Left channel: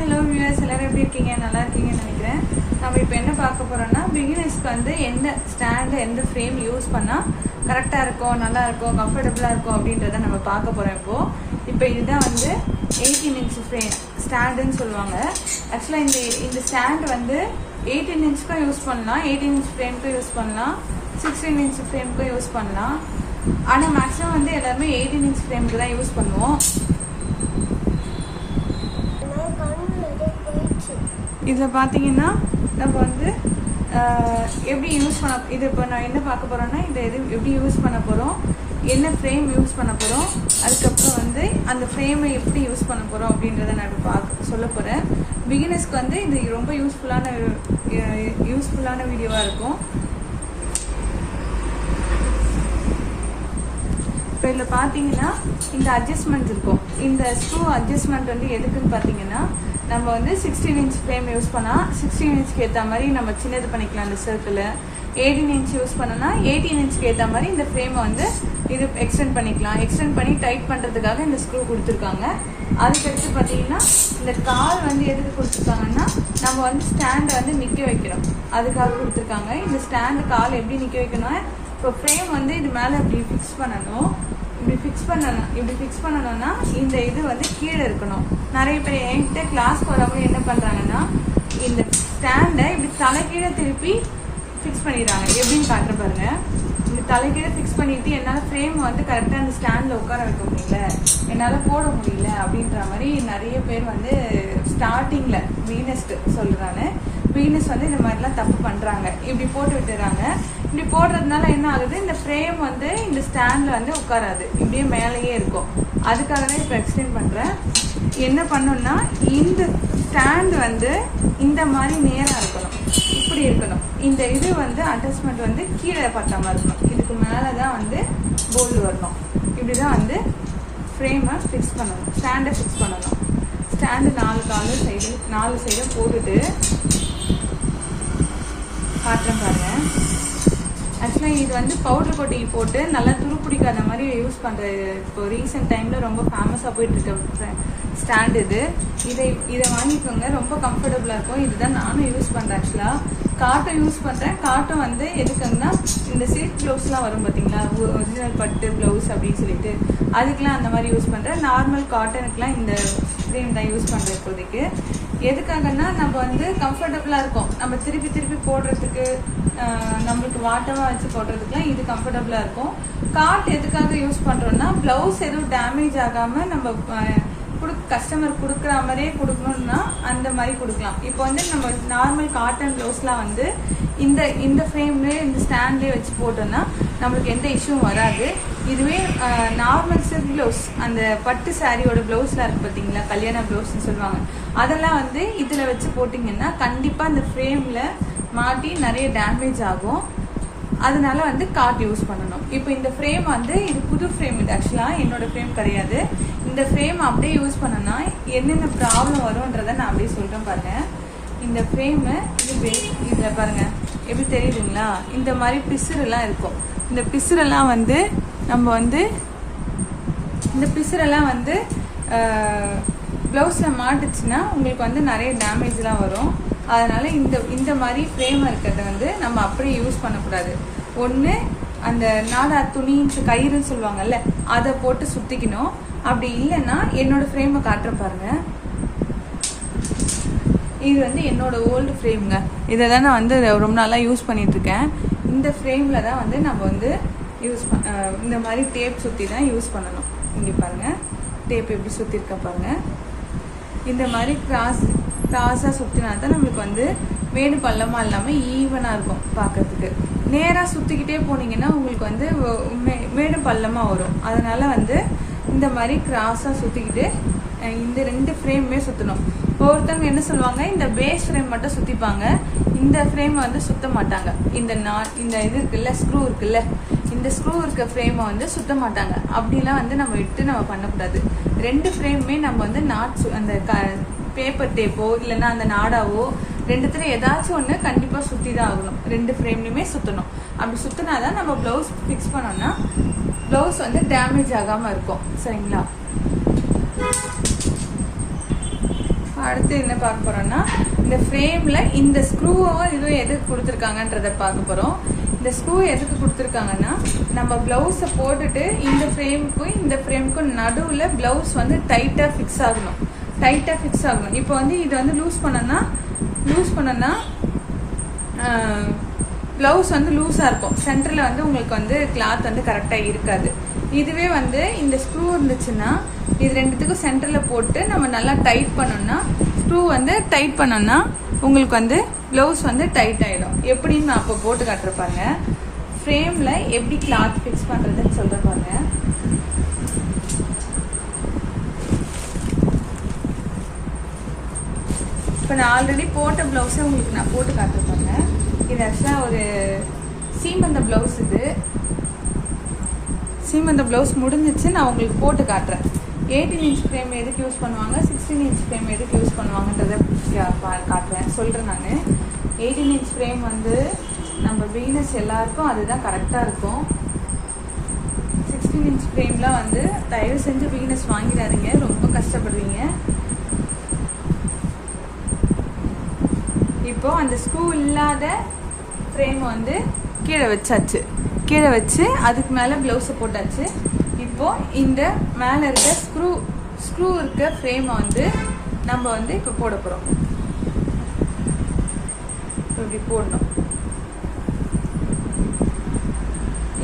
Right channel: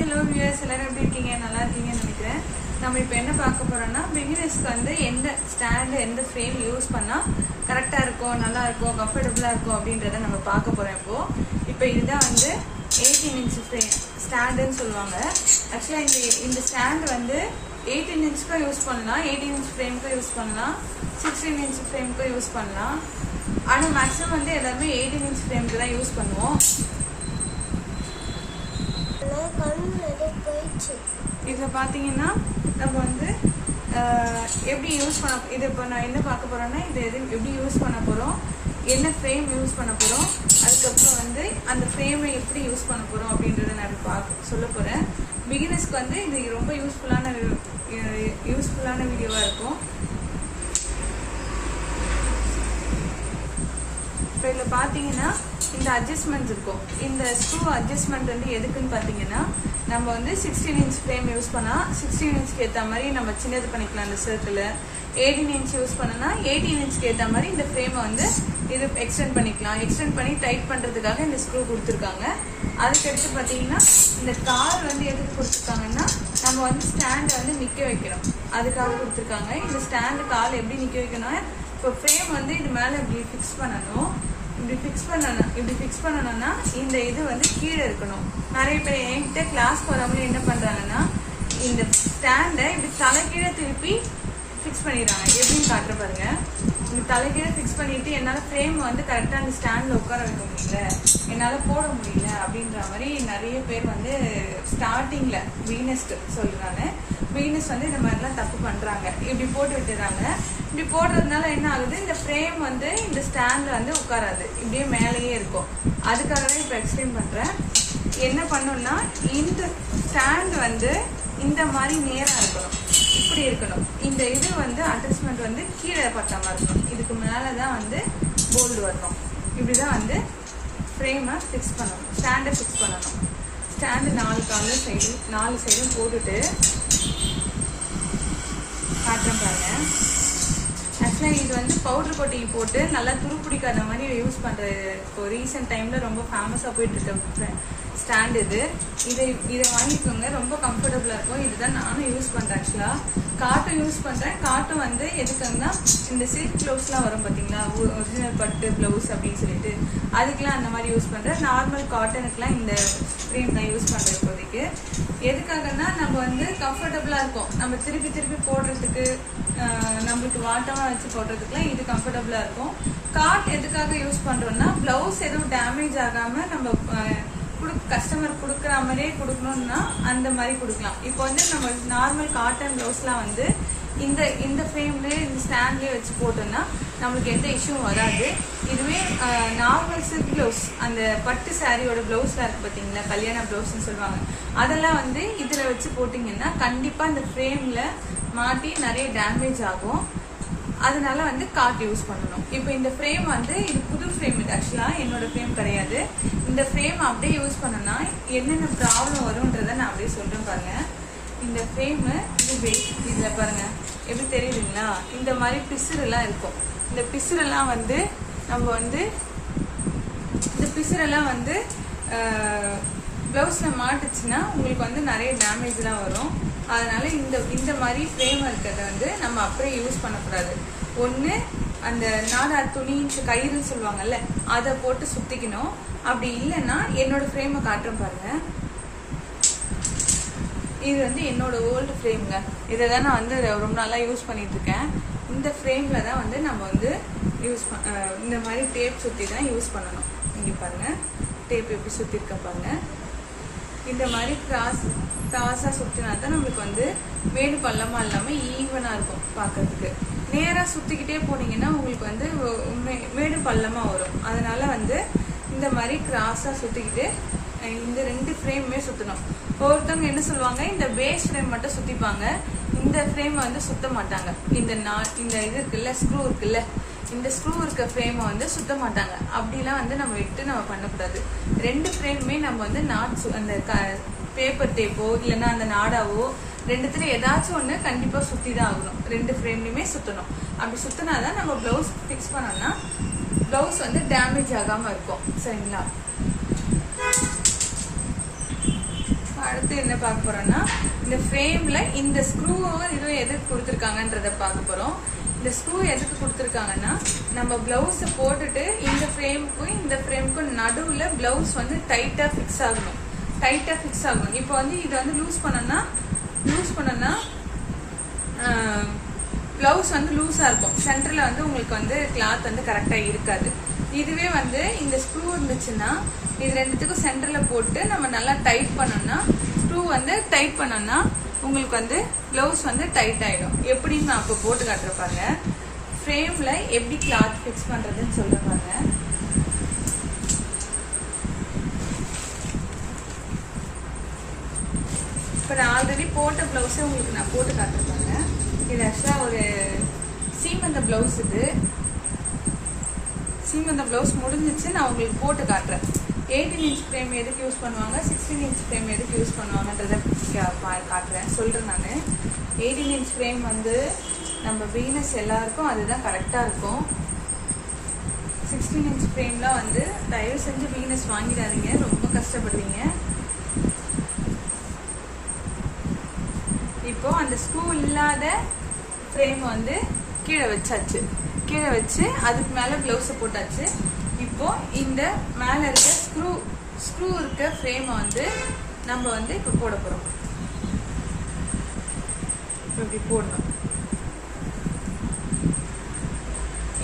Hello viewers, எல்லாரும் எப்படி இருக்கீங்க? நல்லா இருக்கீங்கன்னு நினைக்கிறேன். நம்ம இப்போ என்ன பார்க்க போறோம்னா, பிகினர்ஸ்க்கு வந்து எந்த ஸ்டாண்டு எந்த ஃப்ரேம் யூஸ் பண்ணால் கரெக்டாக இருக்கும், நல்லா இருக்கும், கம்ஃபர்டபுளாக இருக்கும் அப்படின்றத நம்ம பார்க்க போகிறோம். இப்போ இதுதான் வந்து 18 இன்ச் ஃப்ரேம் ஸ்டாண்டுன்னு சொல்லுவாங்க. ஆக்சுவலாக இந்த ஸ்டாண்ட் வந்து 18 இன்ச்சுக்கும் யூஸ் பண்ணலாம், 18 இன்ச் ஃப்ரேமுக்கும் யூஸ் பண்ணலாம், 16 இன்ச் ஃப்ரேமுக்கும் யூஸ் பண்ணலாம். ஆனால் மேக்ஸிமம் வந்து எல்லாருமே 18 இன்ச் ஃப்ரேமுக்கு தான் யூஸ் பண்ணுவோம். இதில் பார்த்தீங்கன்னா நம்ம வந்து எப்படி யூஸ் பண்ண இது இப்போ நான் என்ன பார்க்க போகிறோன்னா, இதை எப்படி யூஸ் பண்ண போகிறோம், என்ன ஃப்ரேம் யூஸ் பண்ண போகிறோம், அதுக்கப்புறம் வந்து அந்த ஃப்ரேமை எப்படி யூஸ் பண்ண போகிறோம் அப்படின்றத நான் சொல்ல போகிறேன். பிகினர்ஸ்க்கு வந்து இது ரொம்ப யூஸ்ஃபுல்லான வீடியோவாக இருக்கும். இப்போ இதில் பார்த்தீங்கன்னா இந்த அட்ஜஸ்ட்மெண்ட் இருக்கும். இந்த ஸ்க்ரூ அட்ஜஸ்ட்மெண்ட் வந்து எதுக்குன்னு பார்த்தீங்கன்னா, நம்ம வந்து 16 இன்ச் ஃப்ரேம் யூஸ் பண்ணால் 16 இன்ச்சுக்கு ஏற்ற மாதிரி நம்ம சின்னது பண்ணிக்கலாம். அந்த சர்க்கிளை 18 இன்ச் யூஸ் பண்ணனா 18 இன்ச்சுக்கு ஏற்ற மாதிரி இந்த ஃப்ரேமை வந்து இது எக்ஸ்டெண்ட் பண்ணிக்கலாம். எக்ஸ்டெண்ட் பண்ணி டைட் பண்ணுறதுக்காக இந்த ஸ்க்ரூ கொடுத்துருக்காங்க. அதுக்கடுத்து பார்த்தீங்கன்னா இந்த கால் வந்து எதுக்கு கொடுத்துருக்காங்கன்னா, நம்ம வந்து ஸ்டாண்டை வந்து நிற்க வைக்கிறோம், அதுக்காக கொடுத்துருக்காங்க. இந்த ஸ்டாண்டு கால் எப்படி நிற்க வைக்கணும், இப்போ ஃப்ரேம் வந்து இது மேலே இப்படி ஃபிக்ஸ் பண்ணணும். இப்படி ஃபிக்ஸ் பண்ணணும்னா இந்த இது வந்து கீழே இருக்கணும். நிறைய பேர் என்கிட்ட கிளாஸ்க்கு வரவங்க என்ன பண்ணுறாங்கன்னா, இந்த ஸ்டாண்டை இப்படி தலைக்கீழே திருப்பி ஃபிக்ஸ் பண்ணிடுறாங்க. எப்படின்னு காட்டுற பாருங்க. இப்படி தலைக்கீழே ஃபிக்ஸ் பண்ணிட்டு என்னால் ஃப்ரேம் வந்து கரெக்டாக அந்த ஸ்டாண்டில் உட்கார வைக்க முடியல, என்னால் போட முடியல அப்படின்ற மாதிரி நிறைய பேர் வந்து ஸ்டார்டிங்கில் பிகினர்ஸ்க்கு சொல்கிறாங்க. பிகினர்ஸ் வந்து இந்த மாதிரிலாம் தப்பு பண்ணுறாங்க. இப்படி போட்டு விட்டுறாங்க. இப்படி போடுறதுனால என்ன ஆகுது, இந்த ஃப்ரேம் வந்து இந்த ஸ்டாண்டில் வந்து உட்காராது, இப்படியே மேலேயே இருக்கும். அதுக்காகவே இப்போ எக்ஸ்டெண்ட் பண்ணுறேன். என்ன பண்ணணும்னா, இந்த ஸ்டாண்டு வந்து இந்த மாதிரி நேராக இருக்கணும், இப்படி இருக்கணும். இந்த இது வந்து அட்ஜஸ்ட்மெண்ட் வந்து கீழே பட்டாமல் இருக்கணும். இதுக்கு மேலே தான் வந்து போல்டு வரணும். இப்படி தான் வந்து ஃப்ரேமை ஃபிக்ஸ் பண்ணணும், ஸ்டாண்டை ஃபிக்ஸ் பண்ணணும். ஸ்டாண்டு 4 சைடும் போட்டுட்டு காட்டுறேன் பாருங்க. ஆக்சுவலாக இது வந்து பவுடர் கோட்டிங் போட்டு நல்லா துருப்பிடிக்காத மாதிரி யூஸ் பண்ணுறது இப்போ ரீசெண்ட் டைமில் ரொம்ப ஃபேமஸாக போயிட்டுருக்க ஸ்டாண்ட் இது. இதை வாங்கிக்கோங்க, ரொம்ப கம்ஃபர்டபுளாக இருக்கும். இதுதான் நானும் யூஸ் பண்ணுறேன். ஆக்சுவலாக காட்டன் யூஸ் பண்ணுறேன். காட்டன் வந்து எதுக்குன்னா, இந்த சில்க் ப்ளவுஸ்லாம் வரும் பார்த்தீங்களா, ஒரிஜினல் பட்டு ப்ளவுஸ் அப்படின்னு சொல்லிட்டு, அதுக்கெலாம் அந்த மாதிரி யூஸ் பண்ணுறேன். நார்மல் காட்டனுக்குலாம் இந்த ஃப்ரேம் தான் யூஸ் பண்ணுறேன் இப்போதைக்கு. எதுக்காகன்னா, நம்ம வந்து கம்ஃபர்டபுளாக இருக்கும், நம்ம திருப்பி போடுறதுக்கு, நம்மளுக்கு வாட்டமாக வச்சு போடுறதுக்குலாம் இது கம்ஃபர்டபுளாக இருக்கும். காட் எதுக்காக யூஸ் பண்ணுறோம்னா, ப்ளவுஸ் எதுவும் டேமேஜ் ஆகாமல் நம்ம கஸ்டமர் கொடுக்குற மாதிரியே கொடுக்கணும்னா அந்த மாதிரி கொடுக்கலாம். இப்போ வந்து நம்ம நார்மல் காட்டன் ப்ளவுஸ்லாம் வந்து இந்த ஃப்ரேம்லேயே இந்த ஸ்டாண்ட்லேயே வச்சு போட்டோம்னா நம்மளுக்கு எந்த இஷ்யூவும் வராது. இதுவே நார்மல் சில்க் ப்ளவுஸ், அந்த பட்டு சாரியோட ப்ளவுஸ்லாம் இருக்குது பார்த்தீங்களா, கல்யாண ப்ளவுஸ்ன்னு சொல்லுவாங்க, அதெல்லாம் வந்து இதில் வச்சு போட்டிங்கன்னா கண்டிப்பாக இந்த ஃப்ரேமில் மாட்டி நிறைய டேமேஜ் ஆகும். அதனால வந்து காட் யூஸ் பண்ணணும். இப்போ இந்த ஃப்ரேம் வந்து இது புது ஃப்ரேம், இது ஆக்சுவலாக என்னோட ஃப்ரேம் கிடையாது. இந்த ஃப்ரேம் அப்படியே யூஸ் பண்ணோம்னா என்னென்ன ப்ராப்ளம் வரும்ன்றதை நான் அப்படியே சொல்கிறேன் பாருங்க. இந்த ஃப்ரேமு இதில் பாருங்க எப்படி தெரியுதுங்களா, இந்த மாதிரி பிசுரெல்லாம் இருக்கும். இந்த பிசுரெல்லாம் வந்து நம்ம வந்து இந்த பிசுரெல்லாம் வந்து ப்ளவுஸில் மாட்டுச்சுன்னா உங்களுக்கு வந்து நிறைய டேமேஜ் தான் வரும். அதனால இந்த மாதிரி ஃப்ரேம் இருக்கிறத வந்து நம்ம அப்படியே யூஸ் பண்ணக்கூடாது. ஒன்று அந்த நாடார் துணி கயிறுன்னு சொல்லுவாங்கல்ல, அதை போட்டு சுற்றிக்கணும். அப்படி இல்லைன்னா என்னோட ஃப்ரேமை காட்டுற பாருங்க. இது வந்து என்னோட ஓல்டு ஃப்ரேமுங்க. இதை தான் நான் வந்து ரொம்ப நாளாக யூஸ் பண்ணிட்டு இருக்கேன். இந்த ஃப்ரேமில் தான் வந்து நம்ம வந்து இந்த மாதிரி டேப் சுற்றி தான் யூஸ் பண்ணணும். இங்கே பாருங்க, டேப் எப்படி சுற்றிருக்க பாருங்க. இந்த மாதிரி கிராஸாக சுற்றினா தான் நம்மளுக்கு வந்து மேடு பள்ளமாக இல்லாமல் ஈவனாக இருக்கும் பார்க்கறதுக்கு. நேராக சுற்றிக்கிட்டே போனீங்கன்னா உங்களுக்கு வந்து மேடு பள்ளமாக வரும். அதனால வந்து இந்த மாதிரி கிராஸாக சுற்றிக்கிட்டு இந்த 2 ஃப்ரேமுமே சுற்றணும். ஒருத்தவங்க என்ன சொல்லுவாங்க, இந்த பேஸ் ஃப்ரேம் மட்டும் சுற்றிப்பாங்க, இந்த ஃப்ரேம் வந்து சுற்ற மாட்டாங்க. இந்த இது இருக்குல்ல, ஸ்க்ரூ இருக்குல்ல, இந்த ஸ்க்ரூ இருக்க ஃப்ரேமை வந்து சுற்ற மாட்டாங்க. அப்படிலாம் வந்து நம்ம நம்ம பண்ணக்கூடாது. 2 ஃப்ரேமுமே நம்ம வந்து அந்த பேப்பர் டேப்போ இல்லைன்னா அந்த நாடாவோ 2த்துல ஏதாச்சும் ஒன்று கண்டிப்பாக சுற்றி தான் ஆகணும். 2 ஃப்ரேம்லையுமே சுற்றணும். அப்படி சுற்றினாதான் நம்ம ப்ளவுஸ் ஃபிக்ஸ் பண்ணோம்னா ப்ளவுஸ் வந்து டேமேஜ் ஆகாமல் இருக்கும். சரிங்களா? அடுத்து என்ன பார்க்க போறோம்னா இந்த ஃப்ரேம்ல இந்த ஸ்க்ரூவும் இது எதுக்கு கொடுத்துருக்காங்கன்றத பார்க்க போறோம். இந்த ஸ்க்ரூ எதுக்கு கொடுத்துருக்காங்கன்னா நம்ம பிளவுஸை போட்டுட்டு இந்த ஃப்ரேமுக்கும் இந்த ஃப்ரேமுக்கும் நடுவில் பிளவுஸ் வந்து டைட்டா ஃபிக்ஸ் ஆகணும். இப்போ வந்து இதை வந்து லூஸ் பண்ணோம்னா பிளவுஸ் வந்து லூஸா இருக்கும். சென்டர்ல வந்து உங்களுக்கு வந்து கிளாத் வந்து கரெக்டா இருக்காது. இதுவே வந்து இந்த ஸ்க்ரூ இருந்துச்சுன்னா இது ரெண்டுத்துக்கும் சென்டர்ல போட்டு நம்ம நல்லா டைட் பண்ணோம்னா ஸ்க்ரூ வந்து டைட் பண்ணோம்னா உங்களுக்கு வந்து பிளவுஸ் வந்து டைட் ஆயிடும். எப்படின்னு நான் அப்போ போட்டு காட்டுறப்பாங்க. ஃப்ரேம்ல எப்படி கிளாத் ஃபிக்ஸ் பண்றதுன்னு சொல்றப்பாங்க. இப்போ நான் ஆல்ரெடி போட்ட பிளவுஸே உங்களுக்கு நான் போட்டு காட்டுறப்பாங்க. இது ஆக்சுவலாக ஒரு சீமந்த பிளவுஸ். இது சீமந்த பிளவுஸ் முடிஞ்சிச்சு. நான் உங்களுக்கு போட்டு காட்டுறேன். 18 இன்ச் ஃப்ரேம் எதுக்கு யூஸ் பண்ணுவாங்க, 16 இன்ச் ஃப்ரேம் எதுக்கு யூஸ் பண்ணுவாங்கன்றத காட்டுறேன், சொல்கிறேன். நான் 18 இன்ச் ஃப்ரேம் வந்து நம்ம பிகினர்ஸ் எல்லாருக்கும் அதுதான் கரெக்டாக இருக்கும். 16 இன்ச் ஃப்ரேம்லாம் வந்து தயவு செஞ்சு பிகினர்ஸ் வாங்கிடாதீங்க, ரொம்ப கஷ்டப்படுவீங்க. இப்போ அந்த ஸ்க்ரூ இல்லாத ஃப்ரேம் வந்து கீழே வச்சு அதுக்கு மேலே ப்ளவுஸை போட்டாச்சு. இப்போ இந்த மேலே இருக்க ஸ்க்ரூ இருக்க ஃப்ரேமை வந்து நம்ம வந்து இப்போ போட போகிறோம். இப்படி போடணும்.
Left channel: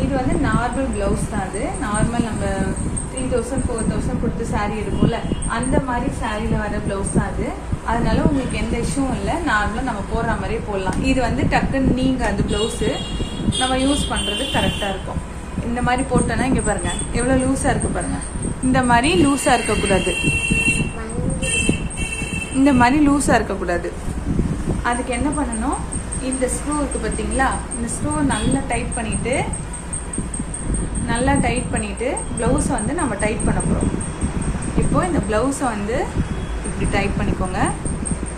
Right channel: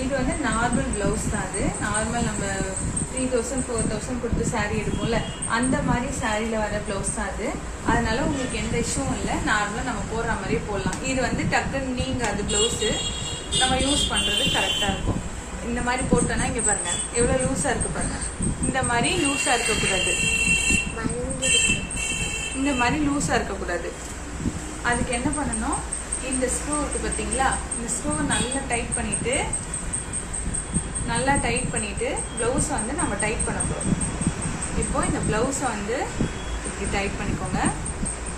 இது வந்து நார்மல் பிளவுஸ் தான். அது நார்மல் நம்ம 3000 4000 கொடுத்து சாரீ எடுப்போம்ல, அந்த மாதிரி சாரியில் வர பிளவுஸ் தான் அது. அதனால உங்களுக்கு எந்த இஷ்யூவும் இல்லை. நார்மலாக நம்ம போடுற மாதிரியே போடலாம். இது வந்து டக்குன்னு நீங்கள் அது பிளவுஸு நம்ம யூஸ் பண்ணுறது கரெக்டாக இருக்கும். இந்த மாதிரி போட்டோன்னா இங்கே பாருங்க எவ்வளோ லூஸாக இருக்கு பாருங்க. இந்த மாதிரி லூஸாக இருக்கக்கூடாது. அதுக்கு என்ன பண்ணணும், இந்த ஸ்க்ரூ இருக்கு பார்த்தீங்களா, இந்த ஸ்க்ரூ நல்லா டைட் பண்ணிட்டு பிளவுஸை வந்து நம்ம டைட் பண்ண போகிறோம். இப்போ இந்த பிளவுஸை வந்து இப்படி டைட் பண்ணிக்கோங்க.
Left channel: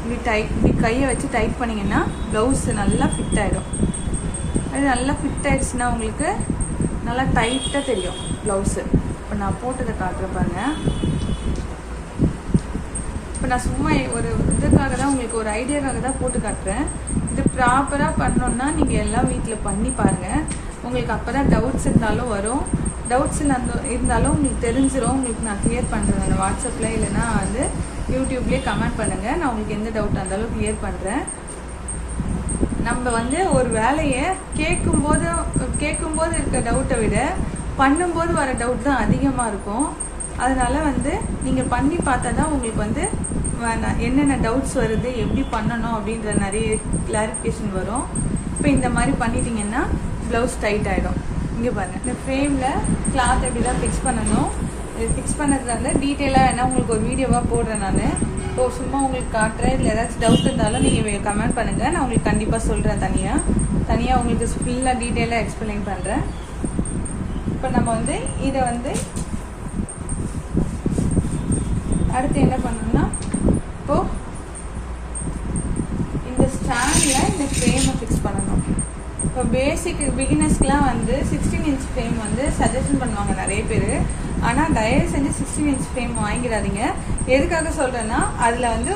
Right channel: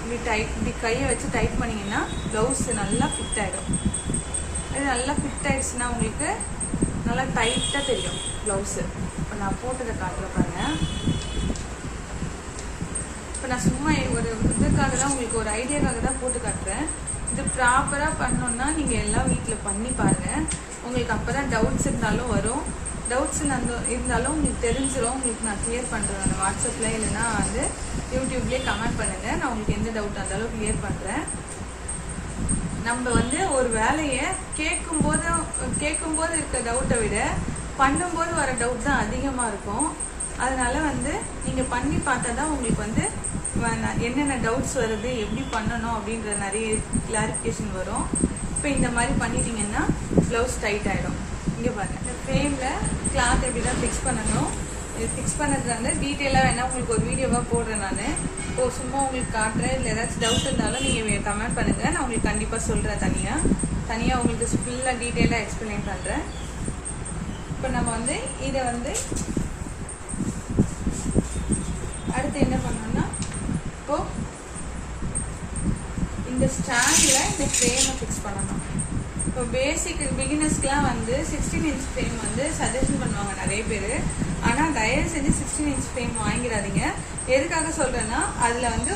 இப்படி கையை வச்சு டைட் பண்ணிங்கன்னா பிளவுஸ் நல்லா ஃபிட் ஆகிடும். அது நல்லா ஃபிட் ஆயிடுச்சுன்னா உங்களுக்கு நல்லா டைட்டாக தெரியும் ப்ளவுஸு. இப்போ நான் போட்டதை காட்டுறேன் பாருங்க. இப்போ நான் சும்மா ஒரு இதுக்காக தான், உங்களுக்கு ஒரு ஐடியாக்காக தான் போட்டு காட்டுறேன். இது ப்ராப்பராக பண்ணோம்னா நீங்கள் எல்லாம் வீட்டில் பண்ணி பாருங்கள். உங்களுக்கு அப்போ தான் டவுட்ஸ் இருந்தாலும் வரும். டவுட்ஸ் இருந்தாலும் உங்களுக்கு தெரிஞ்சிடும். உங்களுக்கு நான் கிளியர் பண்ணுறேன். வாட்ஸ்அப்பில் இல்லைன்னா வந்து யூடியூப்லேயே கமெண்ட் பண்ணுங்கள். நான் உங்களுக்கு எந்த டவுட்டாக இருந்தாலும் கிளியர் பண்ணுறேன். நம்ம வந்து ஒரு வேலையை கேட்கும்போது இருக்க டவுட்டை விட பண்ணும்போது வர டவுட் தான் அதிகமாக இருக்கும். அதனால வந்து நீங்கள் பண்ணி பார்த்தா தான் உங்களுக்கு வந்து என்னென்ன டவுட்ஸ் வருது, எப்படி பண்ணணும் அப்படின்ற நிறைய கிளாரிஃபிகேஷன் வரும். இப்போ இந்த மாதிரி பண்ணிட்டீங்கன்னா ப்ளவுஸ் டைட் ஆகிடும். இங்கே பாருங்கள், இந்த ஃப்ரேமில் கிளாத் எப்படி தான் ஃபிக்ஸ் பண்ணணும். இது ஃபிக்ஸ் பண்ணதுக்கு வந்து டீட்டெயிலாக என்ன உங்களுக்கு ஒரு வீடியோவாக போடுறேன். நான் இப்போ சும்மா உங்களுக்கு காட்டுறேன். இதில் ஏதாச்சும் டவுட் இருந்தாலும் நீங்கள் கமெண்ட் பண்ணுங்கள். நான் உங்களுக்கு கண்டிப்பாக சொல்கிறேன். தனியாக உங்களுக்கு ஃபுல்லாக டீட்டெயிலாக எக்ஸ்பிளைன் பண்ணுறேன். இப்போ நம்ம வந்து இதை வந்து அடுத்து என்ன பண்ணணும்னா, இப்போது இந்த ஸ்டாண்டில் இந்த ஃப்ரேமை ஃபிக்ஸ் பண்ணணும். இப்போ பேசிக் பிகினர்ஸ்க்குலாம் வந்து 16 இன்ச் ஃப்ரேம் வந்து சஜஷன் பண்ணுவாங்க நிறைய பேர். ஆனால் தயவு செஞ்சு 16 இன்ச் ஃப்ரேம் வாங்கிடாதீங்க. எதுக்காக சொல்கிறேன்னா, அதில் வந்து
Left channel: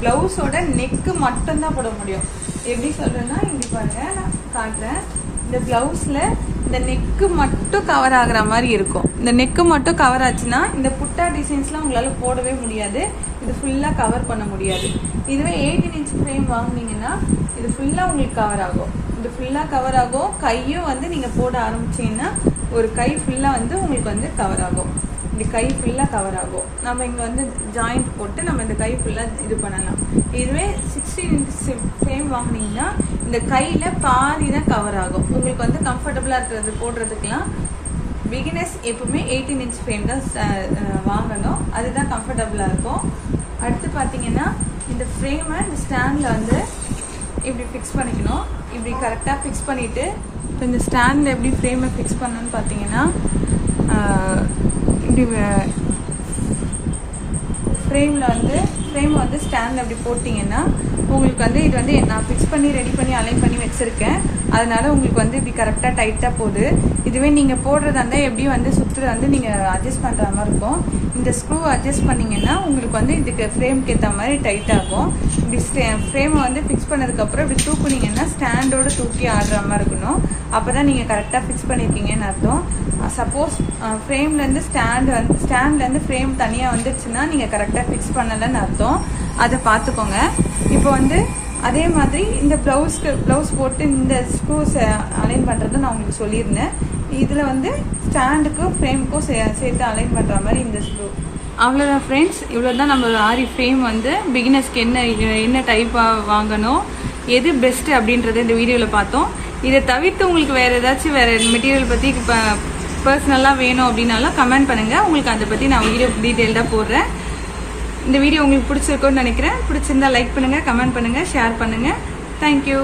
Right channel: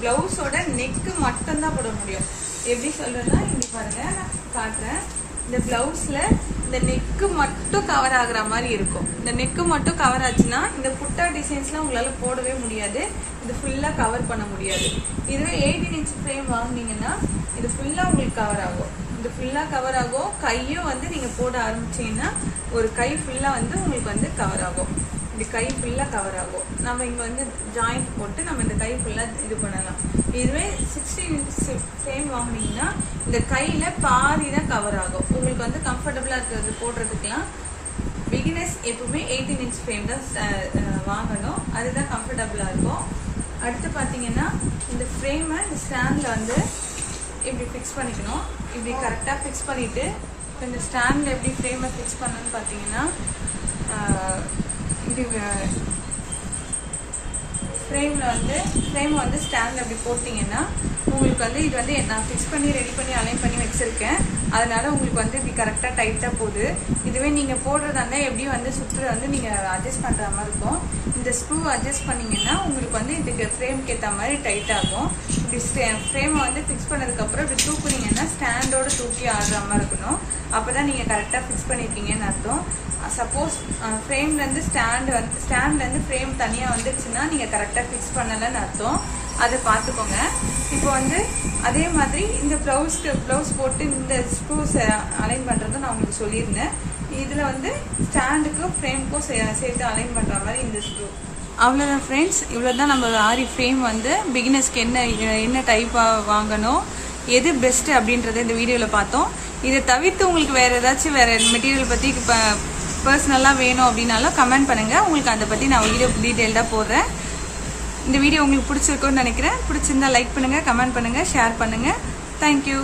ப்ளவுஸோட நெக்கு மட்டும்தான் போட முடியும். எப்படி சொல்கிறேன்னா, இப்படி பாருங்கள், நான் காட்டுறேன். இந்த ப்ளவுஸில் இந்த நெக்கு மட்டும் கவர் ஆகிற மாதிரி இருக்கும். இந்த நெக்கு மட்டும் கவர் ஆச்சுன்னா இந்த புட்டா டிசைன்ஸ்லாம் உங்களால் போடவே முடியாது. இது ஃபுல்லாக கவர் பண்ண முடியாது. இதுவே 18 இன்ச் ஃப்ரேம் வாங்கினீங்கன்னா இது ஃபுல்லாக உங்களுக்கு கவர் ஆகும். இது ஃபுல்லாக கவர் ஆகும். கையும் வந்து நீங்கள் போட ஆரம்பிச்சிங்கன்னா ஒரு கை ஃபுல்லாக வந்து உங்களுக்கு வந்து கவர் ஆகும். இந்த கை ஃபுல்லாக கவர் ஆகும். நம்ம இங்கே வந்து ஜாயிண்ட் போட்டு நம்ம இந்த கை ஃபுல்லாக இது பண்ணலாம். இதுவே 16 இன்ச் ஃப்ரேம் வாங்கினீங்கன்னா இந்த கையில் பாதி தான் கவர் ஆகும். உங்களுக்கு வந்து கம்ஃபர்டபுளாக இருக்கிறது போடுறதுக்கெலாம் பிகினர்ஸ் எப்பவுமே 18 இன்ச் ஃப்ரேம் தான் வாங்கணும். அதுதான் கம்ஃபர்டபுளாக இருக்கும். அடுத்து பார்த்தீங்கன்னா, இந்த ஃப்ரேமை இந்த ஸ்டாண்டில் வந்து இப்படி ஃபிக்ஸ் பண்ணிக்கணும். இப்படி கரெக்டாக ஃபிக்ஸ் பண்ணிவிட்டு, இப்போ இந்த ஸ்டாண்டில் எப்படி ஃப்ரேமை ஃபிக்ஸ் பண்ணணும்னு பார்த்தீங்கன்னா, இப்படி ஃப்ரேமில் வந்து ஃப்ரேம் வந்து ஸ்டாண்டில் அப்படி போட்டிங்கன்னா உங்களுக்கு வந்து இது வந்து நான் ஃபிக்ஸ் பண்ணி ரெடி பண்ணி அலைன் பண்ணி வச்சுருக்கேன். அதனால உங்களுக்கு வந்து இப்படி கரெக்டாக டைட்டாக போகுது. இதுவே நீங்கள் போடுறதா இருந்தால் எப்படி வந்து சுற்று வந்து நீங்கள் அட்ஜஸ்ட் பண்ணுற மாதிரி இருக்கும். இந்த ஸ்க்ரூ அட்ஜஸ்ட் பண்ணிங்கன்னா உங்களுக்கு வந்து இதுக்கு ஃப்ரேம்க்கு ஏற்ற மாதிரி டைட் ஆகும். இப்படி ஃப்ரேமை வந்து ஃபிக்ஸ் பண்ணதுக்கப்புறம் இப்படி தூக்குனீங்கன்னா ஸ்டாண்டோட தூக்கி ஆடுற மாதிரி இருக்கணும். அப்போ தான் நீங்கள் கரெக்டாக ஃபிக்ஸ் பண்ணியிருக்கீங்கன்னு அர்த்தம். சப்போஸ் ஃப்ரேம்லேருந்து ஸ்டாண்ட்லேருந்து ஃப்ரேம் தனியாக வந்துடுச்சுன்னா நீங்கள் கரெக்டாக ஃபிக்ஸ் பண்ணலைன்னு அர்த்தம். அதை பார்த்துக்கோங்க. இப்போ வந்து அதே மாதிரி இந்த ப்ளவுஸ் போட்டு இந்த ஸ்க்ரூஸ் அலைன் பண்ணுறது நான் உங்களுக்கு சொல்லியிருந்தேன். இதில் வந்து ஸ்டாண்டுக்கும் ஃப்ரேமுக்கும் சேர்த்து அலைன் பண்ணுற மாதிரி இந்த ஸ்க்ரூ. அவ்வளோதான் ஃப்ரெண்ட்ஸ், இவ்வளோ தான் நம்ம ஆரி ஃப்ரேம் வந்து பிகினர்ஸ்க்கு என்ன டைப்பாக வாங்கணும், எது பெஸ்ட்டு அப்படின்றத இந்த வீடியோவில் பார்த்தோம். இதை தவிர்த்து உங்களுக்கு வேறு ஏதாச்சும் வேறு மெட்டீரியல் பற்றி இப்போ பர்சனலாக வேணும் அப்படின்னாலும் கமெண்ட் பண்ணுங்கள். உங்களுக்கு அதை பற்றி நான் வீடியோ டீட்டெயில்டாக போடுறேன். இந்த வீடியோ உங்களுக்கு பிடிச்சிருக்குன்னு நினைக்கிறேன். பிடிச்சிருந்தா லைக் பண்ணுங்கள், கமெண்ட் பண்ணுங்கள், ஷேர் பண்ணுங்கள். தேங்க்யூ.